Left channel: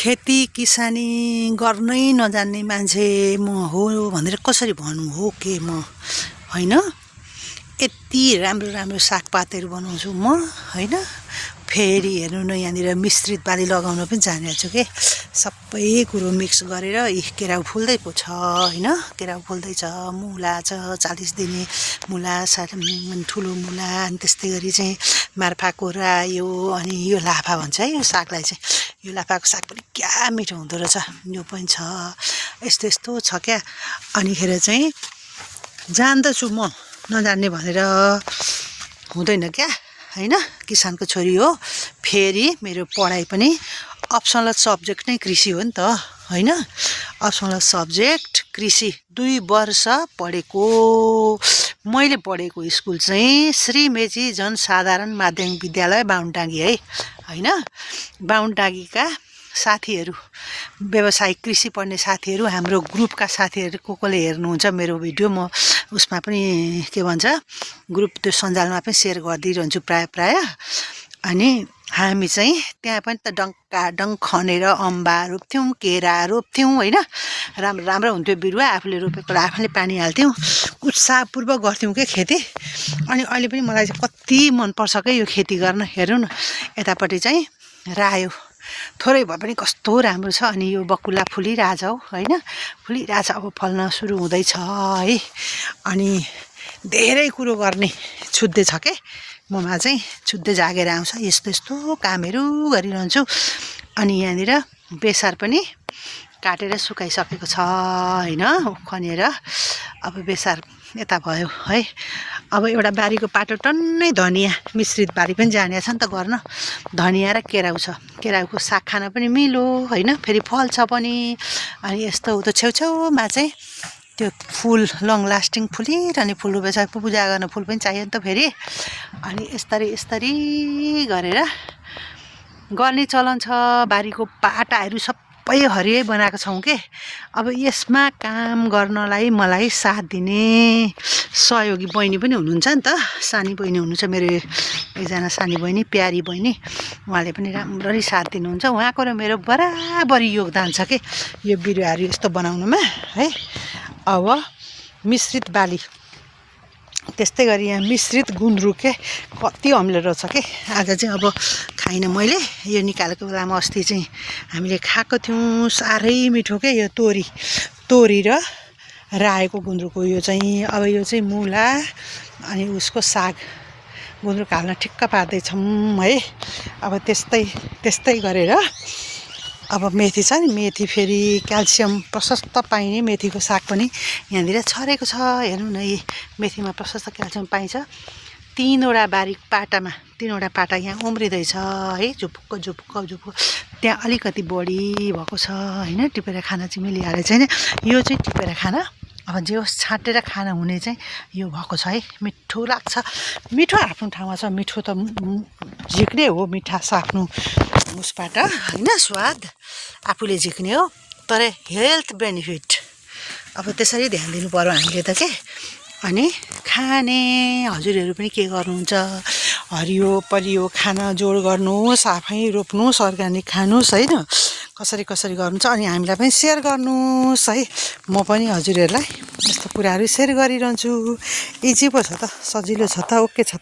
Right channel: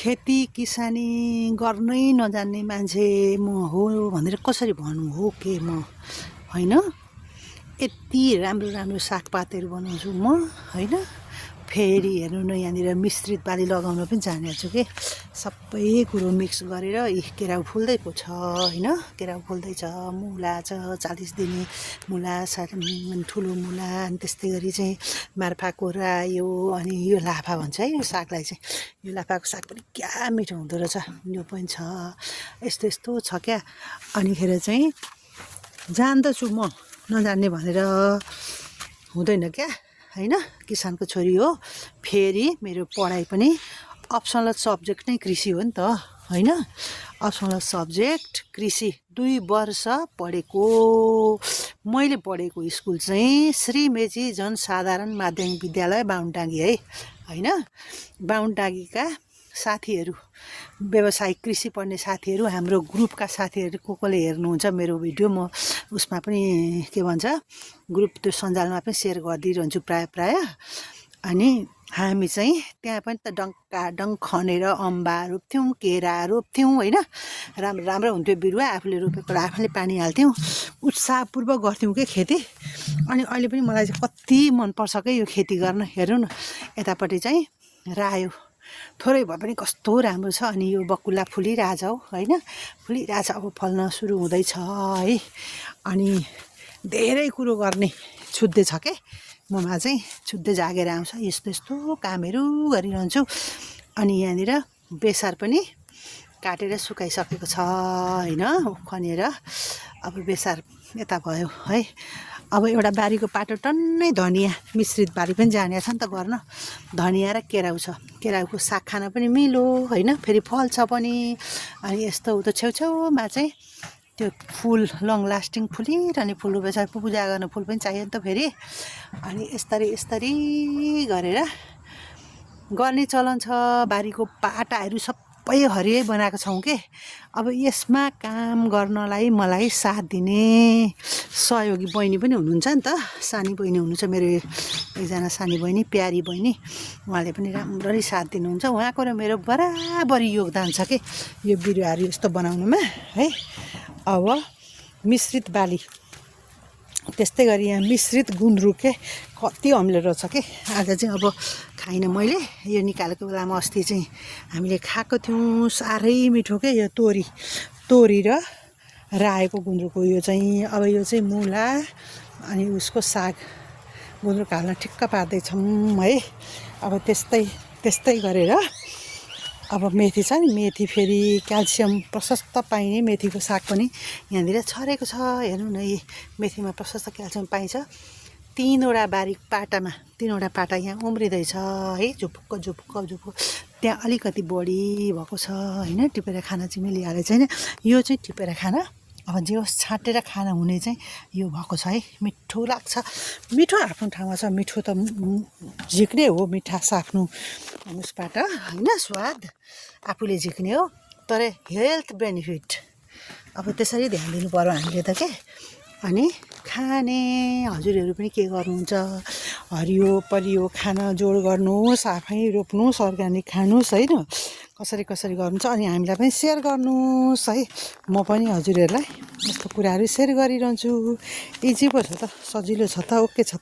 खेती किसानी गर्नै नजान्ने मान्छे म हो भनेर कसरी भन्नु हो के म हैन। यति राम्रो राम्रो सागपातहरू बनाउँछु म हैन। फेरि हेर्नु न यहाँनिर मिश्रित बाली लगाउन पनि जानेको छु के। सबै कुरो मिक्स गरेर केराउ फुल्दै पो छ हैन। केराउ फुल्दैछ, मुला छ 40 दिने मुला, ठुलो मुला, अनि त्यस्तै गरी चाहिँ मार्फाको रायो, अनि यो लाफा भन्छ है यो सागलाई चाहिँ। यो लाफाको साग पनि क्या मिठो हुँदो रहेछ, यो पनि छ। यस्तो यस्तो छ क्या। अनिखेर चाहिँ जान्दछु म, नजान्ने भनेर हुँदैन क्या हैन। किसानको छोरी हो। फेरि मेरो पढाइ पनि अप्सनल सब्जेक्ट नै कृषि हो नि त हैन। अप्सनल सब्जेक्ट कृषि 2 वर्ष पढेको। मैले पढेको स्कुल चाहिँ श्री मेची जनसाधारण माध्यमिक विद्यालय बाहुनटाँगी है हैन। बाहुनटाँगीका साथीहरू, व्यावसायिक कृषि पढ्ने साथीहरू, हाम्रो ग्रुपका साथीहरू कसले हेर्नुहुन्छ मेरो भिडियो, म उसमा पनि के भन्छ ग्रुप त्यो सञ्जालमा पनि सेयर गरिदिइरहन्छु प्राय। अनि हामी चाहिँ त्यहाँ पनि त डङ्काडङ्क खनेर अम्बा रोप्थ्यौँ, केरा रोप्थ्यौँ हैन। राम्रो राम्रो हुन्थ्यो बिरुवा, आफूले रोपेको आफूले पानी हाल्थ्यौँ, उत्साहपूर्वक गर्थ्यौँ के खेती। अनि अहिले पनि मलाई चाहिँ कति मनपर्छ क्या यो खेती गर्न। हेर्नु न यतापट्टि चाहिँ रायो थोरै भए पनि कस्तो राम्रो छ। अनि यो बकुल्ला फुलिरहेछ हौ हैन, फुलिरहेछ, अब फल्न सुरु हुँदैछ है। अनि धेरै कुरो गर्ने छुट्दै छ के ममा चाहिँ, छुट्दै जागेर आउँछ। यस्तो यस्तो कामहरू गरिरहन्छु। अनि यहाँनिर बेसार पनि काटेर सुकाइसकेको छ हैन, खनेर। अब बेसार यता भयो है। अब एउटा बारीको पाटो टन्नै धनियाँ मिश्रित बारी पनि जाने छ नि त गर्न। धनियाँ र केराउ छ, केराउको साग खान पनि मिलो हैन, फेरि फल्छ पनि। अनि यस्तो उतो छेउछेउमा चाहिँ त्यो फुल लङ लास्टिङ फुलिरहने फुल रोपेछ, पूजा गर्न फुल पनि चाहियो नि त फेरि। अनि यस्तरी गरेर गर्ने चलन छ। बारीको पाटाहरू सबै हरियै बनाएको छौँ के। अब यसमा काम गर्नलाई मलाई साथ दिने सहयोगी बहिनी पनि हुनुहुन्छ नि त। सानी बहिनी हुनुहुन्छ मेरो, एकजना सानी बहिनी, प्यारी बहिनी, उहाँले पनि राम्ररी साथ दिनुहुन्छ। उहाँको र मेरो बराबरी योगदान छ के यो बिरुवाहरू यस्तो बनाउनुमा है। अब मिश्रित बाली, त्यस्तै गरी यहाँ मिश्रित गुन्द्रुक के कति अम्लो रहेछ के। आज चाहिँ अब खाइनँ मैले, यो निकालेको बेलामा अस्ति चाहिँ हामीले खाएको थियौँ, साह्रै मिठो के। यो तोरी र रायोको गुन्द्रुक हो यो चाहिँ। अब यो चाहिँ मुला अनि उसको साग गुन्द्रुक हाल्न ठिक्क पार्दैछौँ है। अब त्यस्तै गरेर अब मेथी छ नि, मेथी फेरि क्याल्सियम प्रशस्त पाइने मेथीको साग पनि यहाँनिर छरेको छ। हेर्नु न यी मेथीमा प्रशस्त क्याल्सियम पाइन्छ। 3वटा बारी पाटामा 3वटा पाटा यहाँ उम्रिँदैछ है, झुपुक्क। त्यहाँ अलिकति बढी भएको छ हैन। टिपेर खाना चाहिँ मिलिहाले छैन, यो चाहिँ टिपेर खाना अब जे होस् छाँटेर खाना हुने चाहिँ यो भएको छ है। मिठो लाग्छ, मिठो आफ्नो ठाउँमा छ। मिठो त झिक्ने हो, मिठास आफ्नो उसबाट हैन, स्वाद आफूले झिक्ने हो, तर हेल्थ बेनिफिट अब त्यसरी ध्यान दिनु पर्यो हामीले त के। अनि खाने हजुरहरू पनि के गर्नुहुन्छ, हरियो परियो खाना जोड गर्नुहोस्, आफै रोप्नुहोस्, अर्ग्यानिक खानुहोस् हैन। कसरी गर्नुहुन्छ अनि हामीलाई पनि सेयर गर्नुहोस् है। म पनि हजुरहरूलाई यस्तो कुराहरू सेयर गरिरहन्छु। इजी पो छ त, सजिलो छ त, ओके छ त।